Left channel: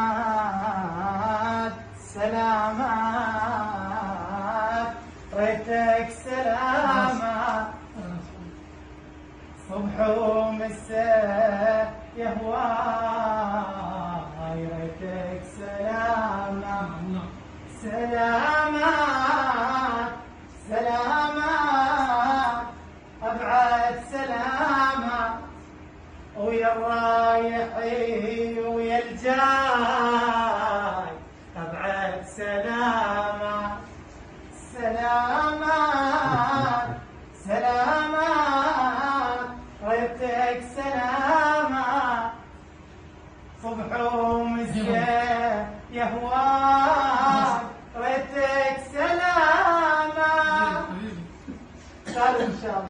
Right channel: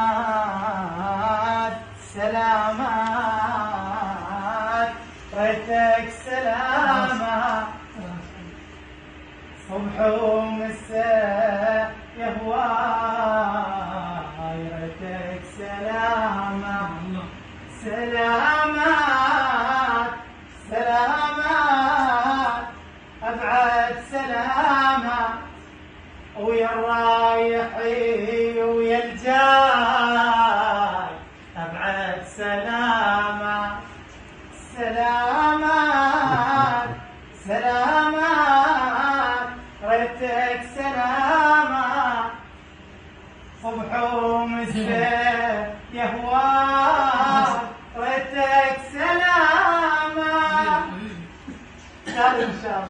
سلامات سلامات ريتك سلامات صبح ومساء يا هواي ريتك سلامات سلامات سلامات أبعد سلامات ويا الرايحي ويا الجاي أبعد سلامات سلامات سلامات ريتك سلامات صبح ومساء يا هواي ريتك سلامات.